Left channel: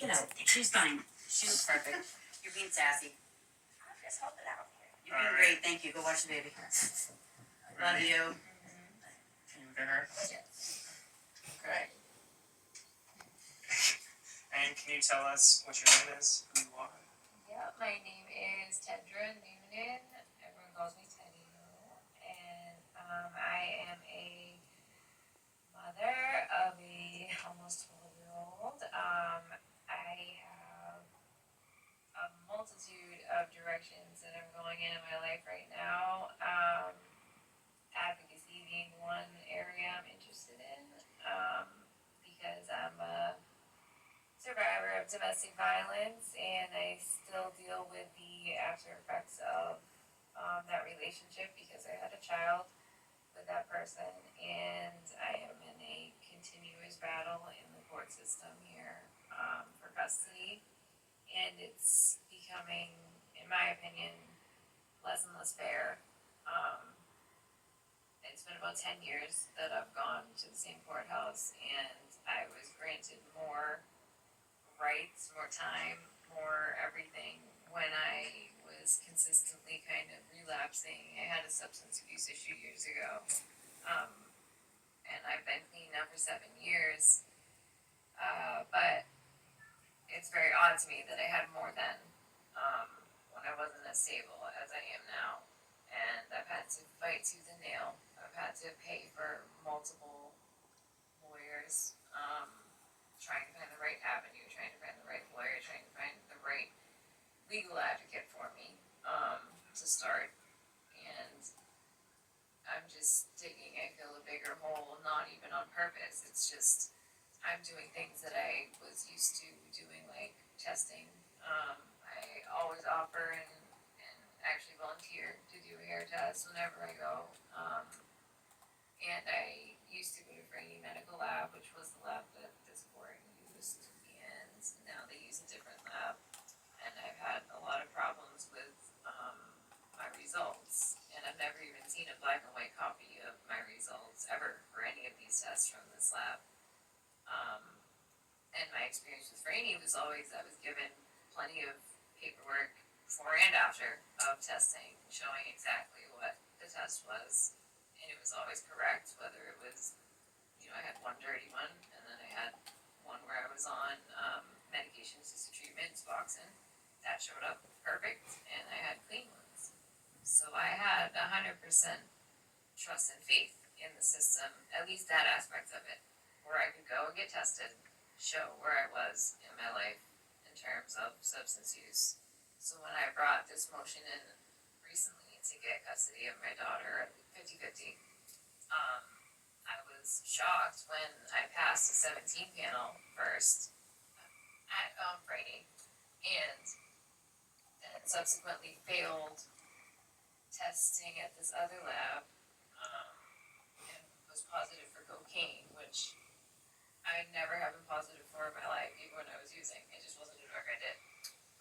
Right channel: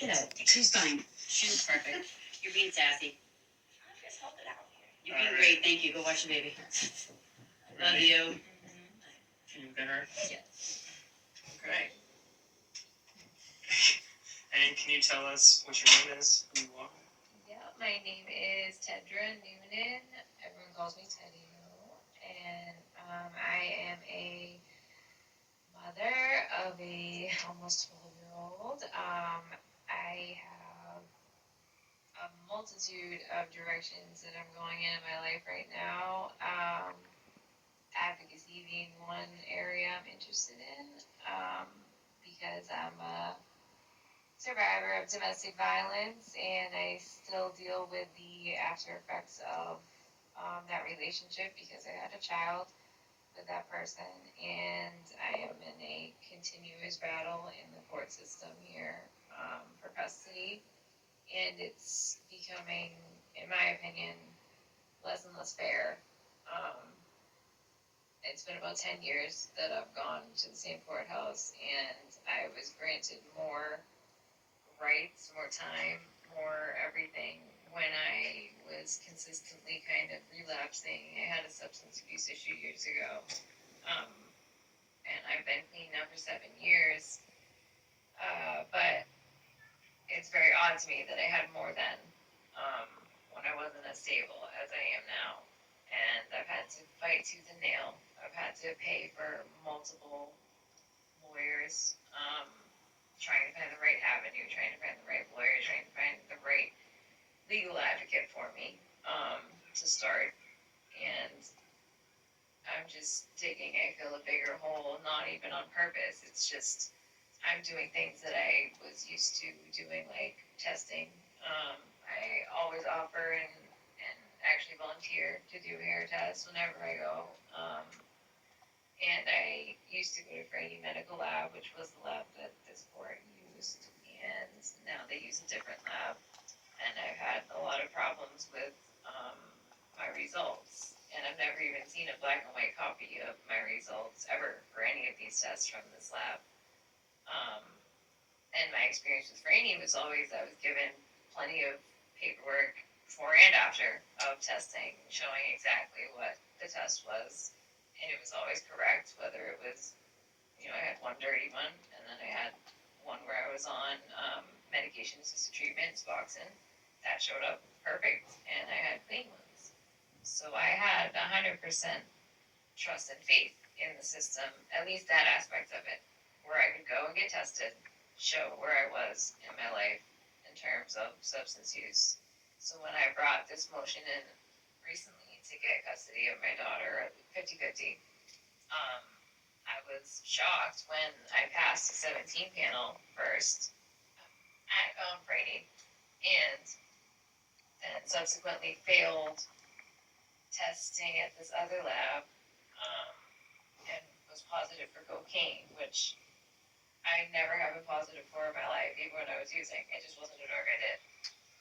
She's fine. She was perfect. You're being sassy. I'm just holding out here. You're being great. Thank you. Go watch the baby. Love you. Can you look at her? Yes. Great. And can you tell us what your name is, who you are? Yeah, my name is Tedra Noonan. Everyone calls me Teddy. And I am a mother of a almost 12-year-old. I have a multitude of directions that I'm going in my life right now. Advocacy being one area I'm interested in, because I'm a survivor of domestic violence and I still deal with the after effects of that relationship because I had a child with that person, and I am in a continuous battle in the court system here for custody, and it's becoming, in my opinion, less and less fair. It's been about 10 years that I've gone to the same courthouse, and I was granted more rights, more time, more everything when I was consistently kind of relapsing. I had a substance abuse issue years ago, and I've been clean now for 7 years. But it's very odd to me that I had more then, when I wasn't as stable as I am now. And I've had to fight tooth and nail. I've had to pay for multiple lawyers, trying to find the right avenue, trying to find the right lawyer, trying to find the right legal advocate for me, to start. And I'm just digging, I feel, a bigger hole, not even on purpose. It's just, I'm doing things that I was used to doing, like testing. I always offer and actually volunteer to do hair tests whenever I go. And I used to go to Franny Medical Lab, which was the lab that this court used, and now they use a different lab. And I've had a lot of problems with my results, and I've never even seen a black and white copy of my results ever for any of these tests from this lab. And my experience with Franny was always I was given plenty of paperwork before and after of testing showing exactly what the test was, and it was always correct, whether it was, I had one dirty one, and then I had one where I was on medication assisted treatment, Suboxone, that showed up perfect, and I had clean ones. So I had 100% trust and faith in the system, at least that aspect of it, where I could go and get tested, show where I was in my life in terms of substance use. So when I brought this motion in recently to get custody of my daughter at 50-50, I was shocked when I passed the 17 panel first at Brady, and then subsequently failed testing at this other lab, and was positive for cocaine, which I never have been positive for in my life, even when I was using. It just wasn't a drug I did.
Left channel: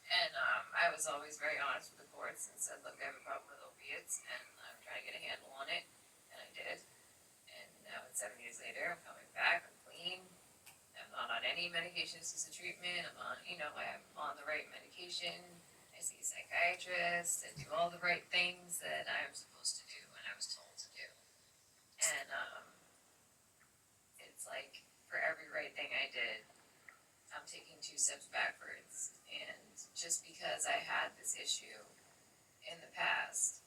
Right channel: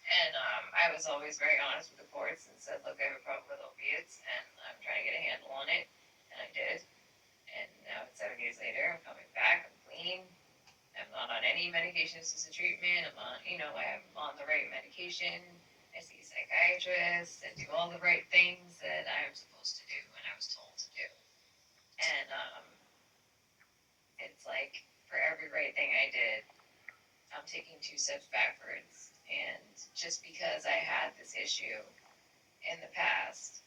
And I was always very honest with the courts and said, look, I have a problem with opiates, and I'm trying to get a handle on it, and I did. And now it's 7 years later, I'm coming back, I'm clean. I'm not on any medication assisted treatment. I'm on the right medication. I see a psychiatrist and do all the right things that I'm supposed to do and I was told to do. And it's like for every right thing I did, I'm taking 2 steps backwards. And just because I had this issue in the past,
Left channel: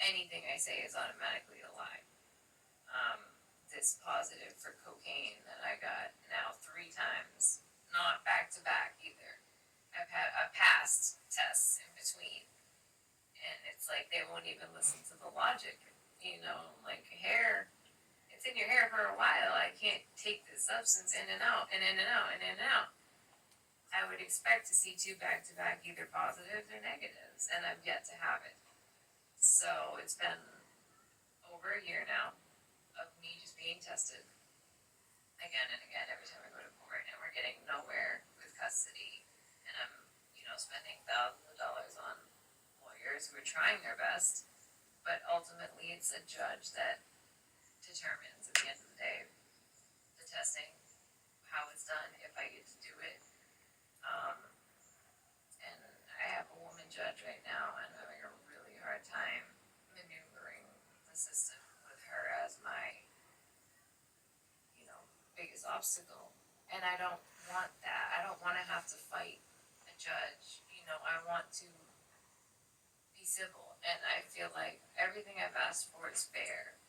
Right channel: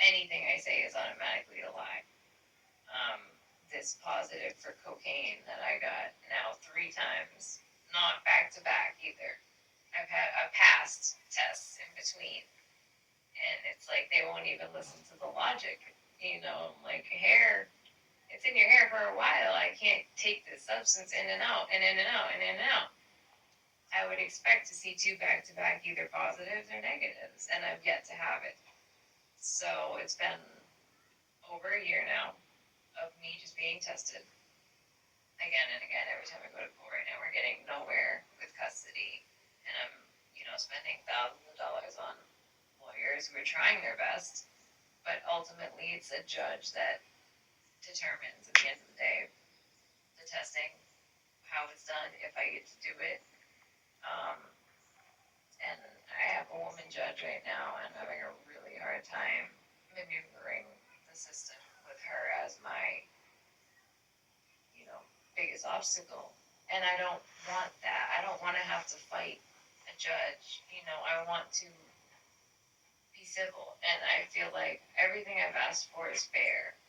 anything I say is automatically a lie. This positive for cocaine that I got now 3 times, not back to back either. I've passed tests in between, and it's like they won't even listen to the logic. Like hair, it's in your hair for a while. I can't take this substance in and out and in and out and in and out. I would expect to see 2 back to back, either positives or negatives, and I've yet to have it. So it's been over a year now of me just being tested again and again every time I go to court, and we're getting nowhere with custody. And I'm, spending thousands of dollars on lawyers who are trying their best, but ultimately it's a judge that determines at the end of the day the testing, how it's done, if I get to do it. judge right now, and I'm having a really hard time maneuvering the system with her as my, biggest obstacle. And I don't want that. I don't want to have to fight a judge. I want to be civil, and I feel like everything I've asked for is fair.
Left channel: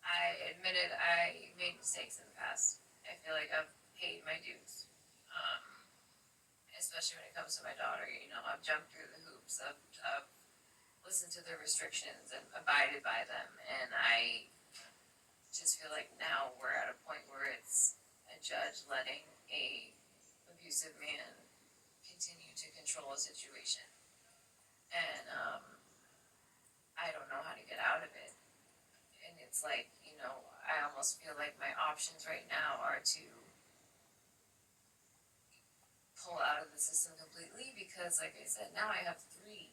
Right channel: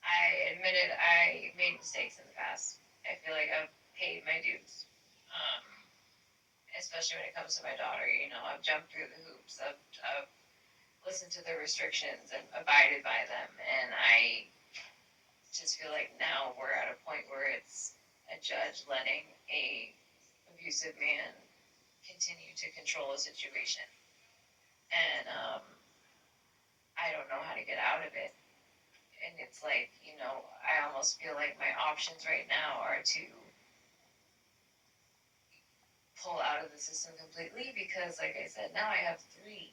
I admitted I made mistakes in the past. I feel like I've paid my dues. Especially when it comes to my daughter, I've jumped through the hoops. I've listened to the restrictions and abided by them. And I just feel like now we're at a point where it's a judge letting a abusive man continue to control a situation. And I don't know how to get out of it. And it's like, I almost feel like my options right now are to pull out of the system completely because, like I said, now I have 3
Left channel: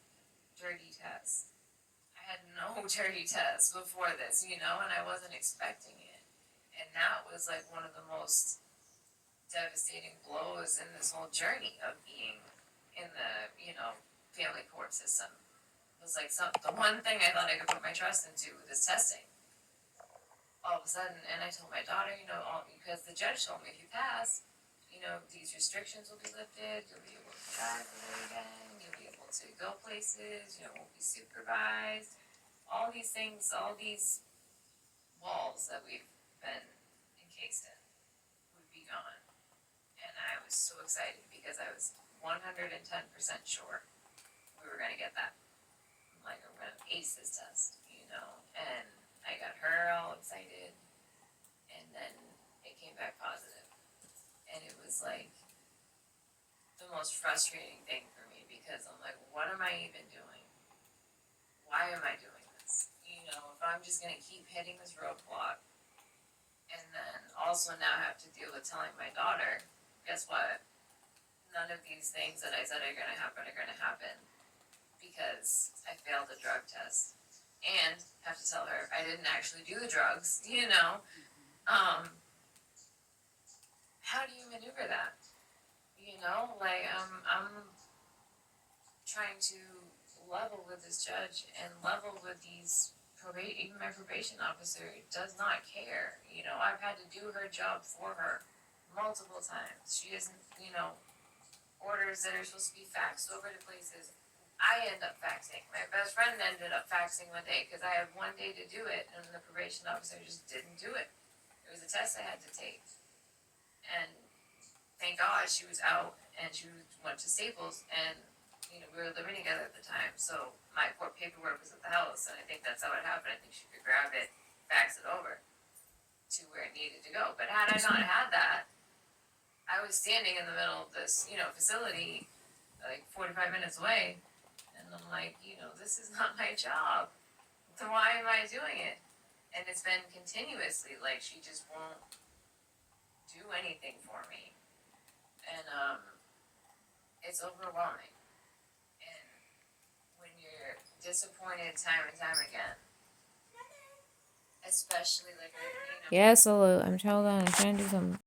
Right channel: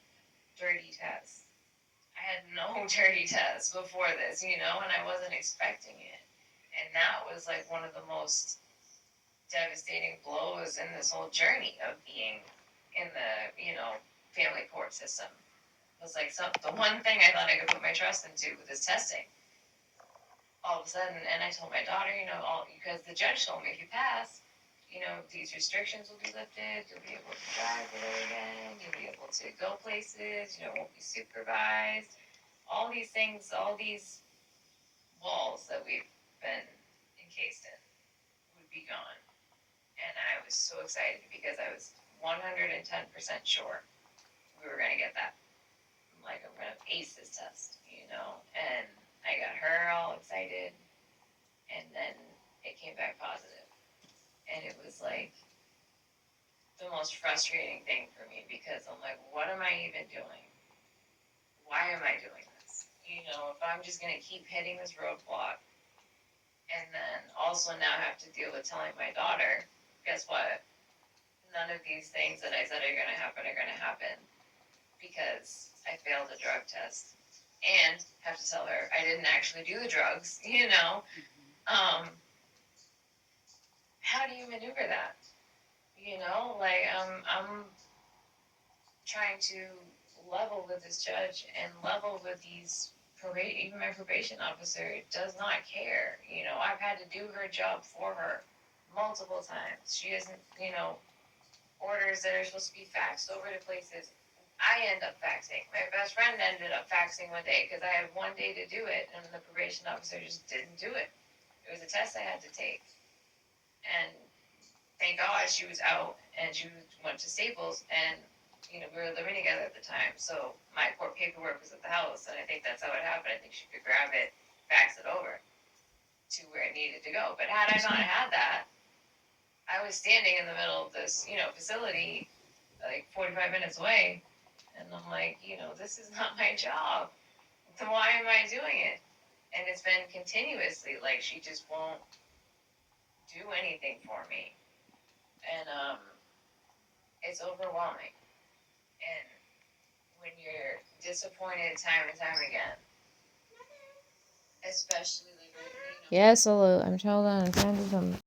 dirty tests. I had no dirty tests before this, and I wasn't expecting it. And that was like one of the most devastating blows in this whole journey of being in the, family court system. It was like the one thing I thought I could put my trust into with this testing. All of a sudden, and I told my daughter, because the judge told me if you pass, these restrictions will be lifted, you'll be able to drive there again, you'll be able to go places, won't be supervised. All these things, all these walls that we've been encased in would be gone. And I was so excited because I was 110% sure we were going to get that. I'm like, I'm going to ace this test, and I got her all excited, and then it came back positive. And it was like the most frustrating thing for me because I'm like, what am I even doing? Why am I doing this? If I'm just going to keep hitting this roadblock and then also now have to deal with telling my daughter, guess what? None of these things that I said are going to happen because I failed a drug test and have to tell her I didn't actually do the drugs, how do you maneuver that? I'm trying to level with this judge and level with these even my probation officer does not care. I've had to do her job for her multiple times. She isn't, orders that are supposed to be faxed over to places. I end up faxing. My best friend ended up faxing one day because I had one day to do it and the probation officer just didn't do it. It was a test I had to take. And thank God she was out and she went to Staples and, we were living together at the time. So my court paperwork was at the house and I think that's how it happened. I think she could grab it, fax it over to where it needed to go. But had I not had that, I was standing in the middle of this, facility like 45 minutes away. And I'm like, this is not my job. So why am I doing it? And it's been continuously, like she just won't do anything for me. And it's overwhelming. And when you're disappointed time and time again, especially like Yes, hello. I'm hold on. I'm trying to do something.